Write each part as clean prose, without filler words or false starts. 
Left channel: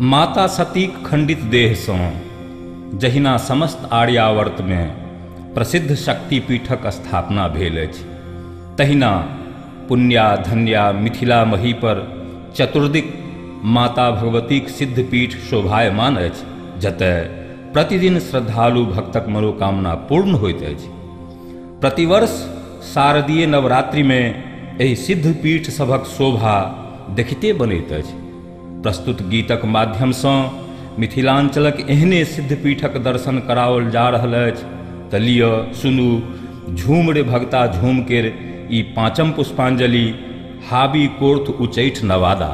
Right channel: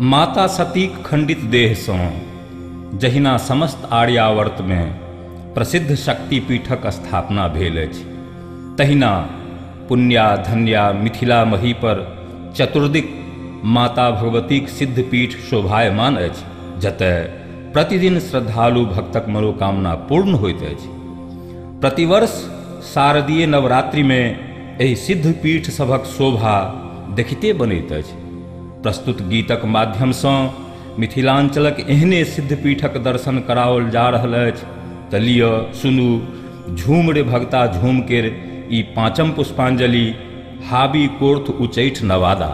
माता सतीक खंडित देह सौ जहिना समस्त आर्यावर्त में प्रसिद्ध शक्तिपीठक स्थापना भेल अछि, तहिना पुण्या धन्या मिथिला मही पर चतुर्दिक माता भगवतीक सिद्धपीठ शोभायमान अछि, जतय प्रतिदिन श्रद्धालु भक्तक मनोकामना पूर्ण होइत अछि। प्रतिवर्ष शारदीय नवरात्रि में एहि सिद्धपीठ सभक शोभा देखिते बनैत अछि। प्रस्तुत गीतक माध्यम सँ मिथिलांचलक एहने सिद्धपीठक दर्शन कराओल जा रहल अछि। त लिअ सुनू झूम रे भगता झूम केर ई पाँचम पुष्पांजलि हाबी कोर्थ उचैठ नवादा।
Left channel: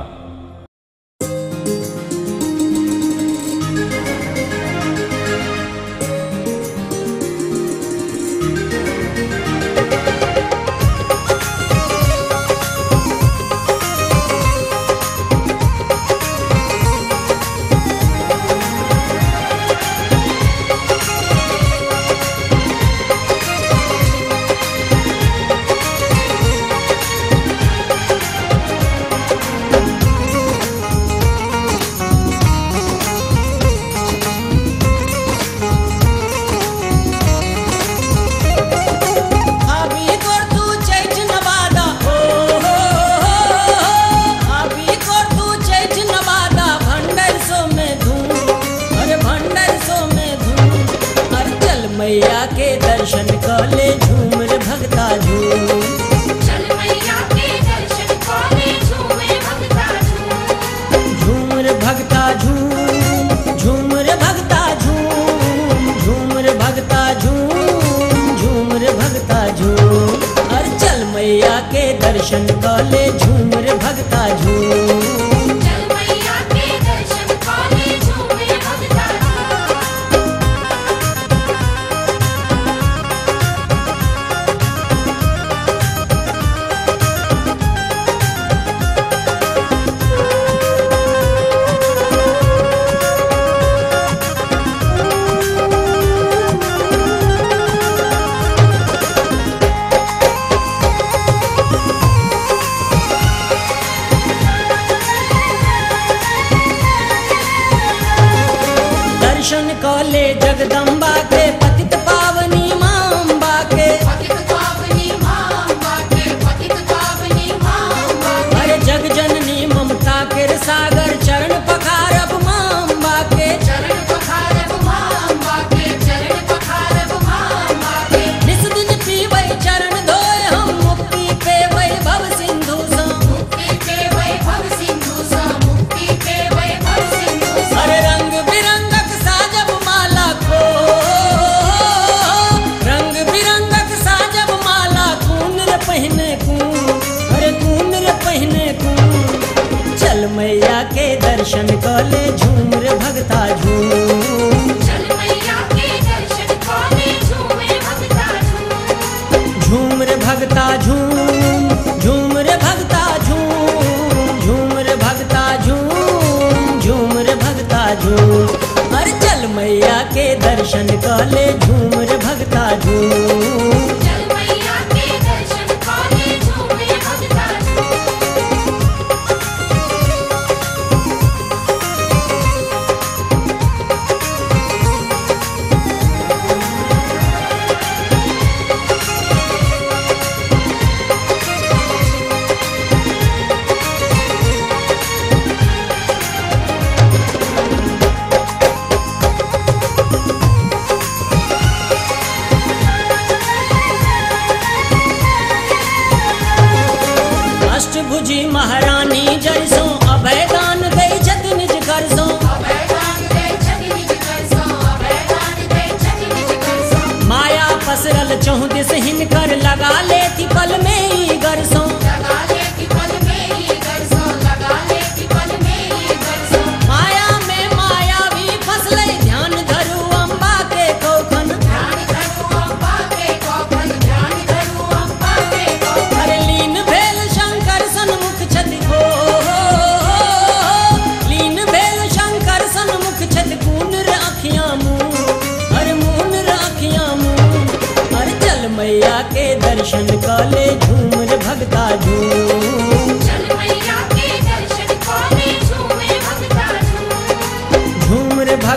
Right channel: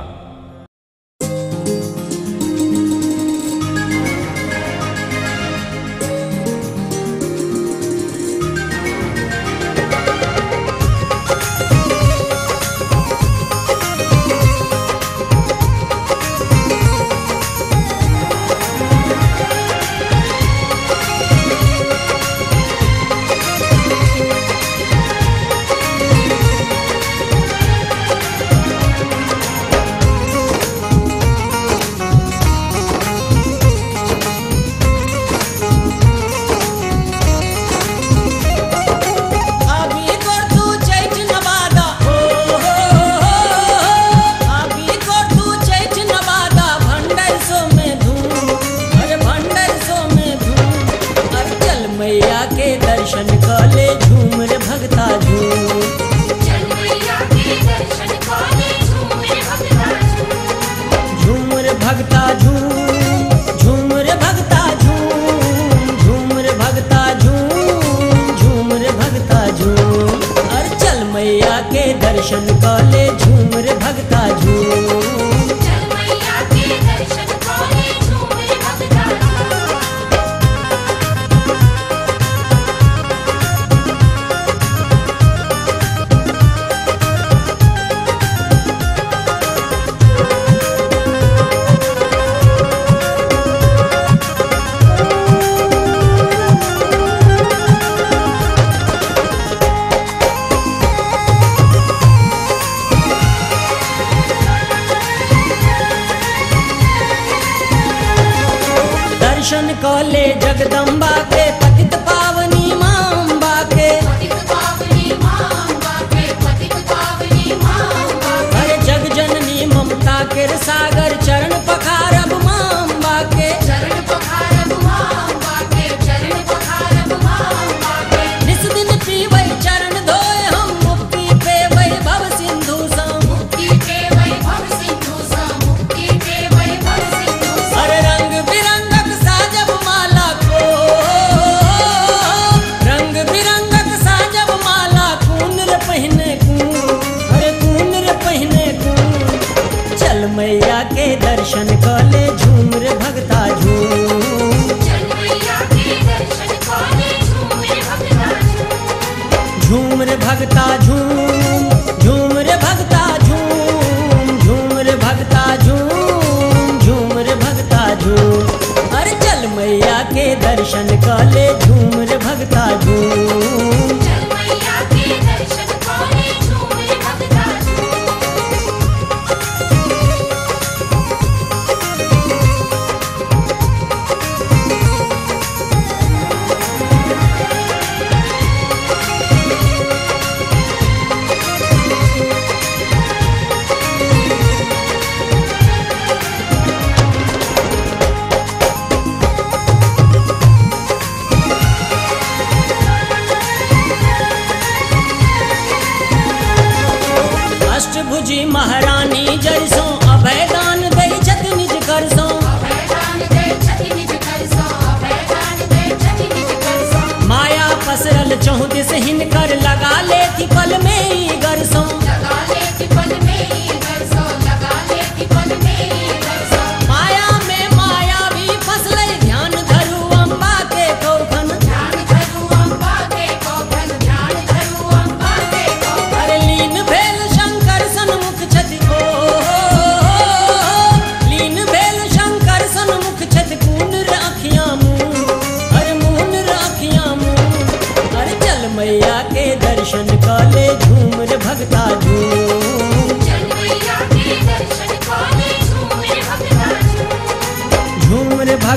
दर्शन काले जगदम्बा के पतित पावनी मां के अरे जग जननी ममता के सागर चरण पखारब मां के इस दिन पीवै चरण धोए हम मुक्ति पेवै भव सिंधु सा अरे रंग बिरंगक साजब माला को रंग बिरंगक साजब माला कुंदर पहने अरे कुंदर पहने चल मैया के दर्शन काले झूम रे भगता झूम झूम रे भगता झूम झूम रे भगता झूम झूम रे भगता झूम झूम रे भगता झूम अरे चल मैया के दर्शन काले झूम रे भगता झूम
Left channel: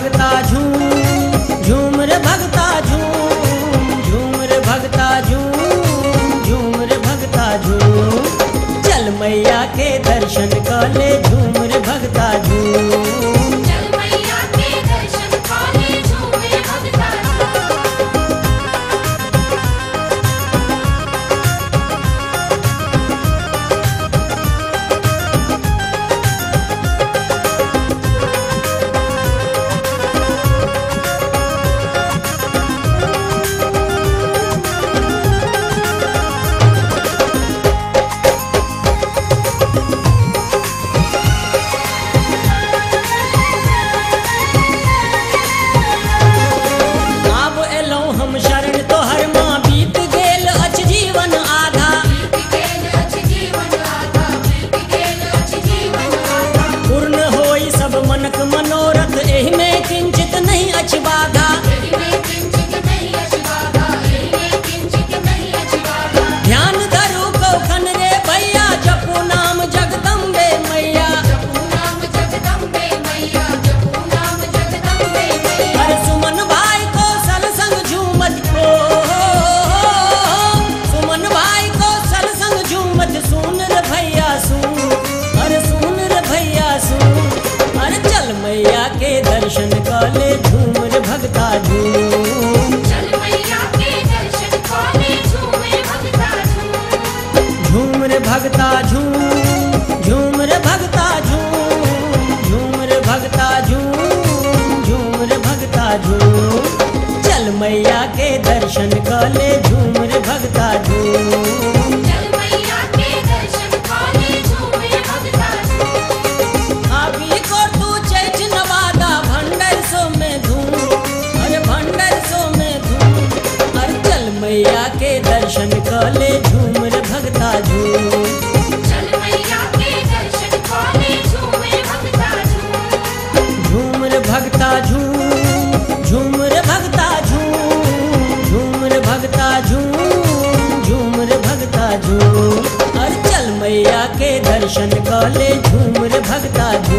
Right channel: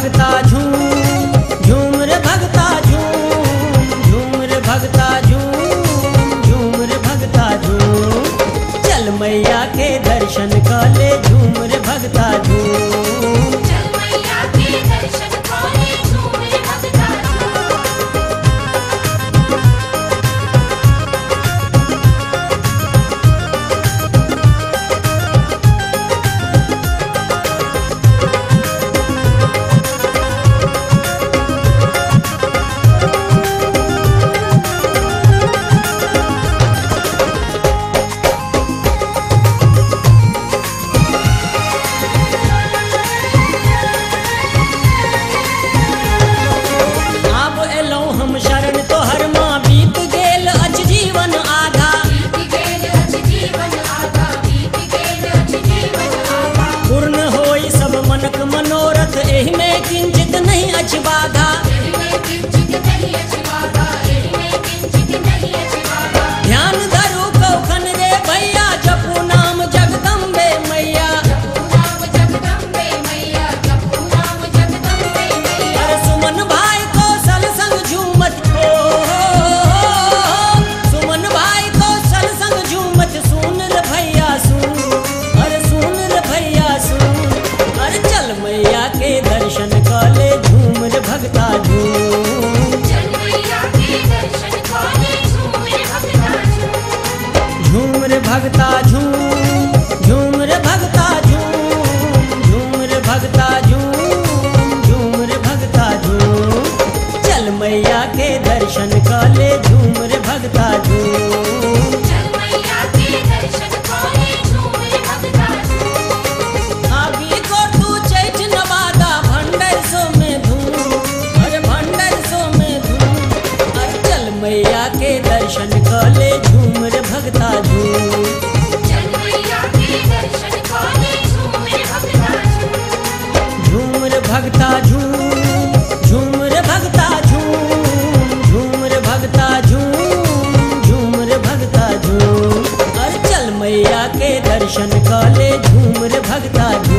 भगता झूम झूम रे भगता झूम रे भगता झूम रे भगता झूम। चल मैया के दर्शन काले झूम रे भगता झूम। चल मैया के दर्शन काले झूम रे भगता झूम। मैया के दर्शन काले झूम रे भगता झूम। चल मैया के दर्शन काले झूम रे भगता झूम। आगे को तू चेच नवादा भंडर सो में धूम, अरे भंडर सो में धूम। अरे चल मैया के दर्शन काले झूम रे भगता झूम। चल मैया के दर्शन काले झूम रे भगता झूम। झूम रे भगता झूम झूम रे भगता झूम रे भगता झूम रे भगता झूम। चल मैया के दर्शन काले झूम रे भगता झूम।